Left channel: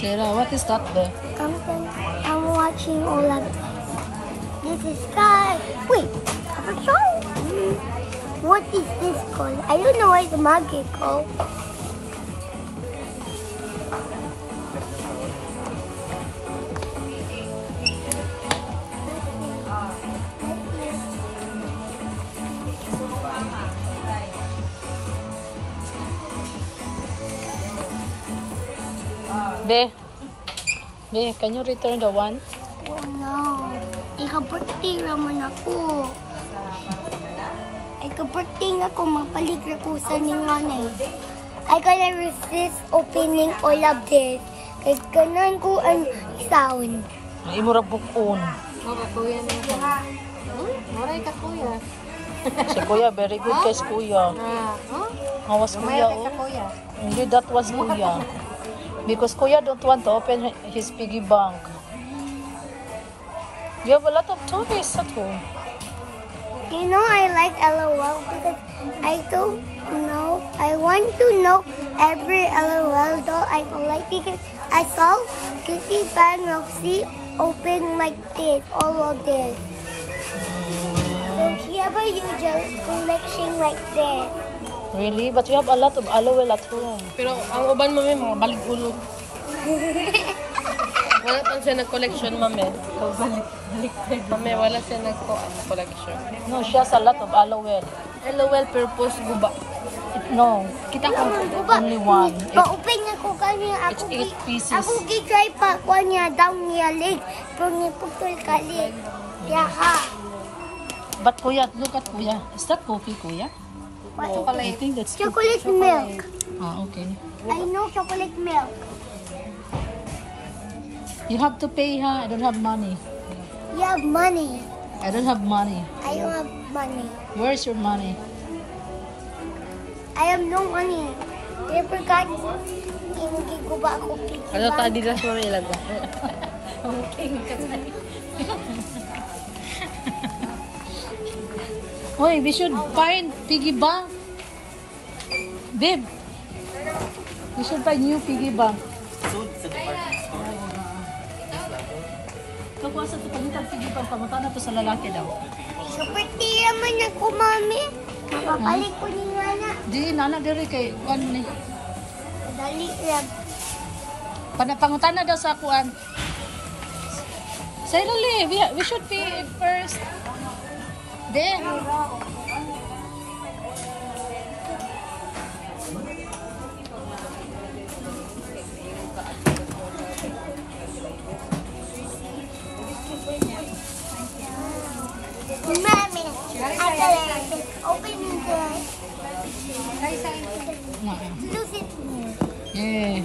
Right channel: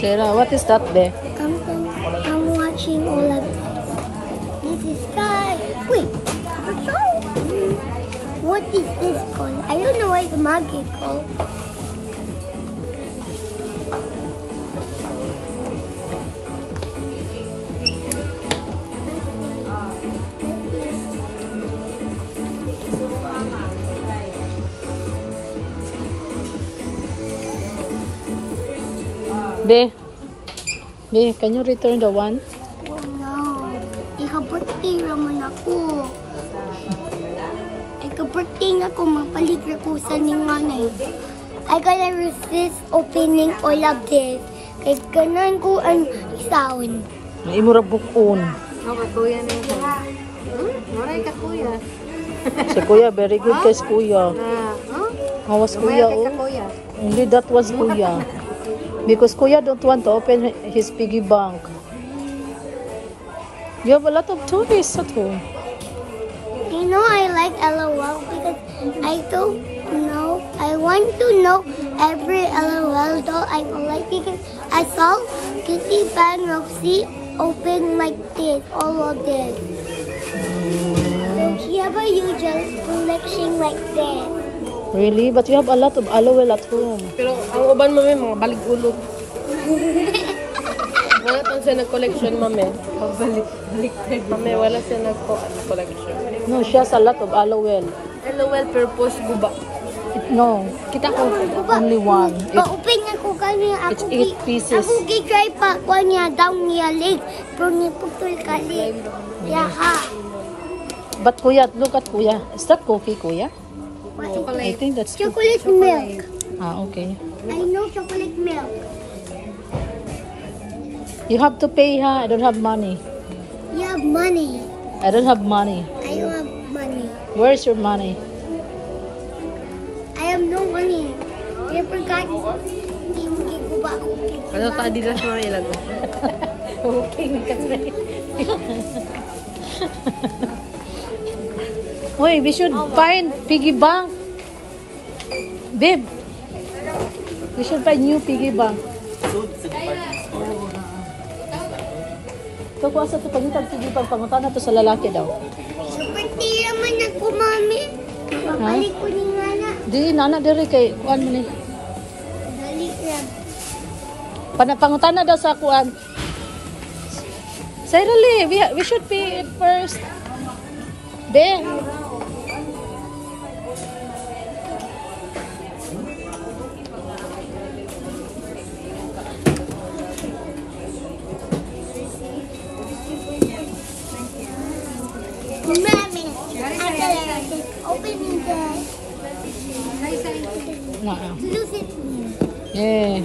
Sarah, what is that there? I'm watching all of this is sky. Wait, a song? What is this called? I don't know what the market called. Be, can you return the one? Oh no. Ika-birthday raman ako. Ika-birthday na ako, mapalig ko sa ninganay. I gotta resist opening all of this. Kaya ganan ko ang sound. May imura bukon. Okay, kuya na yun. Maray ka kuya. Si Kuya, very good kay Kuya. Mawas Kuya, oh. Hindi, that was Kuya. Because Kuya don't want to open his piggy bank. You have a lot of toys at home. You know I like LOL because I don't know. I want to know every LOL doll I like because I saw Kitty Pan Roxy open like this, all of this. So she have a huge collection like that. Really? But you have a lot of LOL at home. Pero ang uban mo mo, balik ulot. Wala pa siya nag-collection, mame. Balik. Mame, wala siya nag-collection. No, she has a lot of LOL. LOL purpose guba. No, kita ko only one. Pa-open ako kanya. It's 8 pieces. Ako gi-try pa ko niya down niya leg. Pero ni putol kali. Yeah, ha. But Kuya, look at Kuya. Is that cookie, Kuya? What is I think that's chocolate milk. Ah, okay. I know chocolate milk. You have to pay, ha? I don't have money. You have money. I don't have money. I don't have money. Where's your money? I have no money. I forgot. Hindi ko ba ako piggy Ano bank? ka adidas mo ilag ko? Wait, we should find piggy bank. Babe, we should find new piggy bank. Ito ko asa ito pagitag piggy bank. Pangunta na ito sa lalaki daw. Super tira man ako, mami. Kapapalik ko ni Ngana. Di, nana diri kay ano ni. Dali lang. Pangunta na daw sa kuan. Sarah, we should pay it first. Then, Mami, opening this. na. Look at me. Yeah.